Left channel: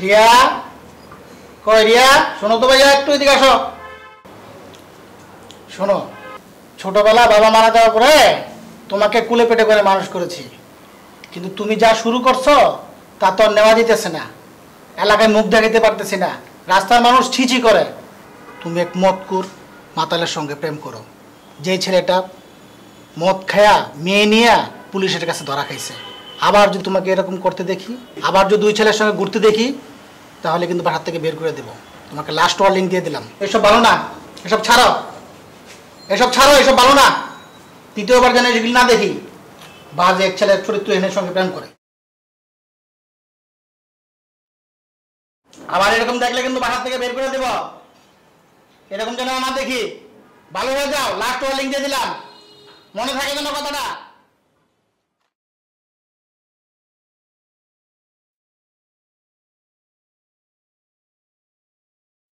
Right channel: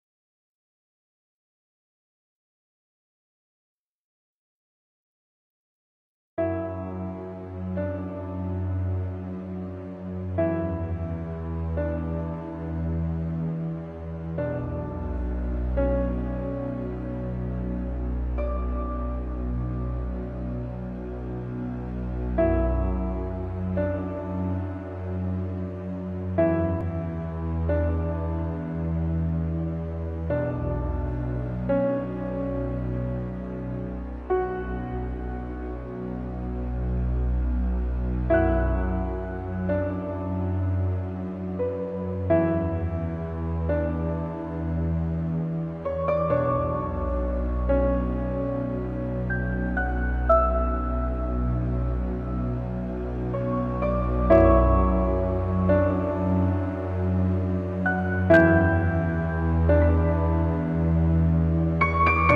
রিয়া, কই রিয়া, শোনো তো ভাইয়া, একটু এদিকে আসো। শোনো, ছোটবেলা বাবা মারা যাওয়ার পরে তোমাকে কুলে পেটে করে মানুষ করেছি, কিন্তু তুমি যা শুরু করছো তা তো আর নেওয়া যেতেছে না। এলাকায় মুখ দেখাতে পারতেছি না, রাস্তার মানুষ ছিছি করে। তুমি এক মদকুর মাতালের সঙ্গে প্রেম করো, যে ছেলেটা মদ খায়া মেয়ে নিয়ে পুলিশের কাছে ধরা খাইছে। আবার যদি তোমাকে এরকম করতে দেখি, আবার যদি দুই ছেলের সঙ্গে ঘুরতে দেখি, তাহলে কিন্তু বাসার থেকে বের করে দেব। তোমাকে লাস্ট ওয়ার্নিং দিয়ে দিলাম। এসব ভালো না, এসব ছাড়ো, এসব ছাড়ো, এসব ভালো না। তৃতীয়বার যেন এগুলি না দেখি বাজে এক ছেলের চরিত্রহীনের সঙ্গে প্রেম করে। আবার এরকম দেখলে কিন্তু বাসার থেকে বের করে দেব। এরকম যেন না দেখি। ভালো হয়ে যাও, লাস্ট ওয়ার্নিং দিয়ে দিলাম, মনে থাকে যেন কথাটা।